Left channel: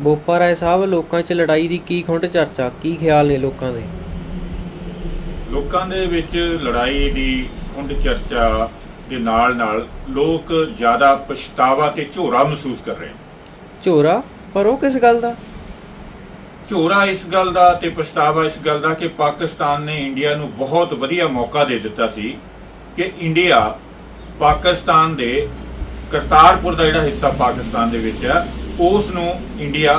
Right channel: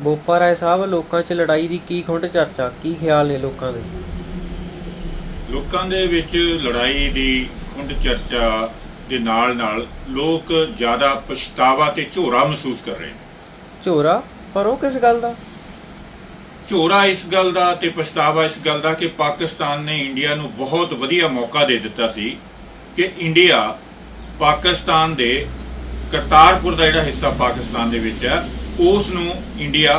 ਬੋਪਾ ਰਾਏ ਸਾਹਿਬ ਲੋਕਾਂ 'ਚ ਲੜਾਈ ਦੀ ਕੀ ਖੁੰਡ ਚਰਚਾ? ਕੀ ਖਿਆਲ ਨੇ ਲੋਕਾਂ ਦੇ? ਲੋਕਾਂ ਦੇ ਵਿੱਚ ਲੜਾਈ ਦੀ ਖੁੰਡ ਚਰਚਾ ਦੇ ਨਾਲ ਨਾਲ ਲੋਕ ਜ਼ਿਆਦਾ ਪਛਤਾਵਾ ਤੇ ਝੋਰਾ ਮਹਿਸੂਸ ਕਰ ਰਹੇ ਨੇ। ਝੋਰਾ? ਪਰ ਉਹ ਕਿਸ ਗੱਲ ਦਾ? ਝੋਰਾ ਇਸ ਗੱਲ ਦਾ ਤੇ ਪਛਤਾਵਾ ਇਸ ਗੱਲ ਦਾ ਕਿ ਪਾਕਿਸਤਾਨ ਨੇ ਇੰਡੀਆ ਨੂੰ ਬਹੁਤ ਵਧੀਆ ਮੌਕਾ ਦੇ ਦਿੱਤਾ ਸੀ ਕਿ ਇੰਡੀਆ ਪਾਕਿਸਤਾਨ ਦੇ ਕਰਤਾਰਪੁਰ ਦਾ ਜਿਹੜਾ ਹਿੱਸਾ ਪਾਕਿਸਤਾਨ ਦੇ ਵਿੱਚ ਹੈ ਉਸ ਨੂੰ ਇੰਡੀਆ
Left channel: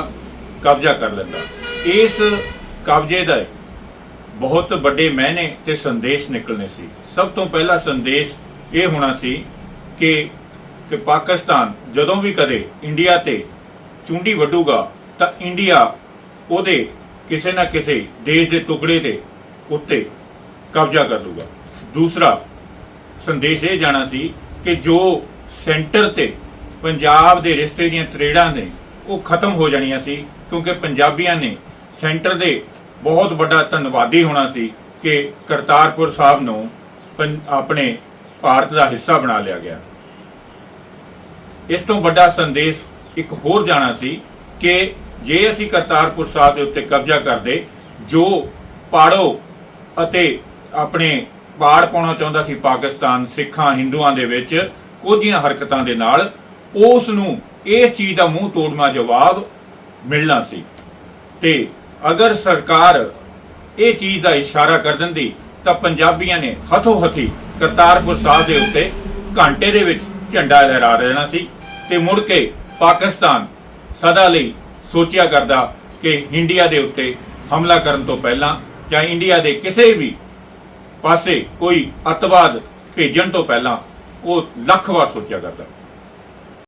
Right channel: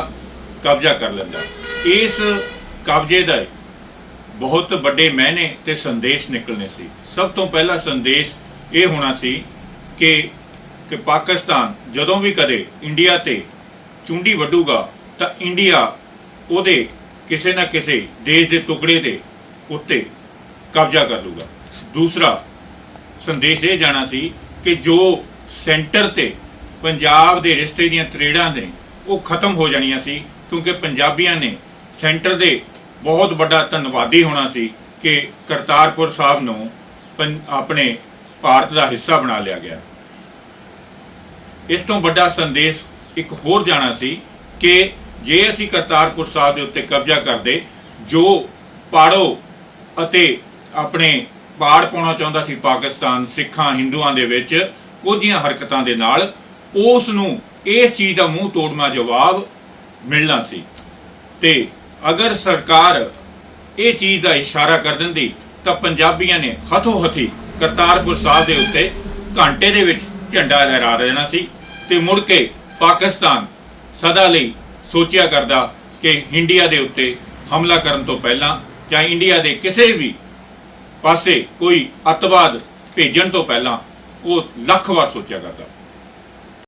ਕਬਜ਼ਾ ਕਰ ਲੈਂਦਾ। ਇਸ ਕਬਜ਼ੇ ਦਾ ਬਹੁਤ ਵੱਡੇ ਮਾਇਨੇ ਤੇ ਸੰਦੇਸ਼ ਨਿਕਲਨੇ ਸੀ। ਸਭ ਤੋਂ ਪਹਿਲਾ ਸੰਦੇਸ਼ ਇਹ ਹੋਣਾ ਸੀ ਕਿ ਕਿ ਪਾਕਿਸਤਾਨ ਜਦੋਂ ਵੀ ਕਦੇ ਇੰਡੀਆ ਤੇ ਚੁੰਡੀ ਵੱਢੂਗਾ ਤਾਂ ਇੰਡੀਆ ਉਹਦੇ ਕਿਸੇ ਨਾ ਕਿਸੇ ਦੇਸ਼ ਦੇ ਟੁਕੜੇ ਦੇ ਉੱਤੇ ਕਬਜ਼ਾ ਕਰ ਲੂਗਾ। ਦੂਸਰਾ ਸੰਦੇਸ਼ ਇਹ ਜਾਣਾ ਸੀ ਕਿ ਜੋ ਸੈਂਟਰ ਤੇ ਪੰਜਾਬ ਦੇ ਰਿਸ਼ਤੇ ਦੀਆਂ ਤਰੇੜਾਂ ਨੇ, ਉਹ ਖਤਮ ਹੋ ਜਾਣੀਆਂ ਸੀ, ਕਿਉਂਕਿ ਪੰਜਾਬੀਆਂ ਨੇ ਸੈਂਟਰ ਦੇ ਬਹੁਤ ਵੱਡਾ ਧੰਨਵਾਦੀ ਹੋਣਾ ਸੀ ਕਿ ਕਰਤਾਰਪੁਰ ਸਾਹਿਬ ਨੂੰ ਆਪਣੇ ਭਾਰਤ ਦਾ ਹਿੱਸਾ ਬਣਾ ਲਿਆ ਗਿਆ। ਇਸ ਤੋਂ ਵੱਡਾ ਸੰਦੇਸ਼ ਇੱਕ ਹੋਰ ਜਾਣਾ ਸੀ ਕਿ ਜੇ ਅਸੀਂ ਕਰਤਾਰਪੁਰ ਸਾਹਿਬ ਦੇ ਉੱਤੇ ਕਬਜ਼ਾ ਕਰਦੇ, ਜੋ ਪਾੜੋ ਅਤੇ ਆਪਣੇ ਪਾੜ ਪਾਉਣਾ ਚਾਹੁੰਦਾ ਸੀ ਪਾਕਿਸਤਾਨ, ਸਿੱਖਾਂ, ਹਿੰਦੂਆਂ ਦੇ ਵਿੱਚ ਕੁਝੀਆਂ ਹਰਕਤਾਂ ਦੇ ਨਾਲ ਉਸ ਨੂੰ ਇਸ ਚੀਜ਼ ਦਾ ਮੂੰਹ ਤੋੜਮਾ ਜਵਾਬ ਮਿਲਣਾ ਸੀ। ਤੇ ਅਗਰ ਸਰਕਾਰ ਇਹ ਚੀਜ਼ ਦਾ ਇਸ਼ਾਰਾ ਕਰ ਦਿੰਦੀ, ਤਾਂ ਪੰਜਾਬੀਆਂ ਨੇ ਹੱਥੋਂ ਹੱਥੀ ਕਰਤਾਰਪੁਰ ਸਾਹਿਬ ਦੇ ਉੱਤੇ ਘੰਟੇ ਦੇ ਵਿੱਚ ਝੰਡਾ ਲਹਿਰਾ ਦੇਣਾ ਸੀ ਤੇ ਮੁੜ ਕੇ ਪਾਕਿਸਤਾਨ ਸਦਾ ਲਈ ਸੋਚਿਆ ਕਰਦਾ ਕਿ ਇੰਡੀਆ ਦੇ ਉੱਤੇ ਹਮਲਾ ਕਰਨ ਤੋਂ ਪਹਿਲਾਂ ਜਾਂ ਇੰਡੀਆ ਦੇ ਕਿਸੇ ਵੀ ਪਾਸੇ ਕੋਈ ਅੱਤਵਾਦ ਭੇਜਣ ਤੋਂ ਪਹਿਲਾਂ ਉਹ ਲੱਖ ਵਾਰ ਸੋਚਿਆ ਕਰਦਾ।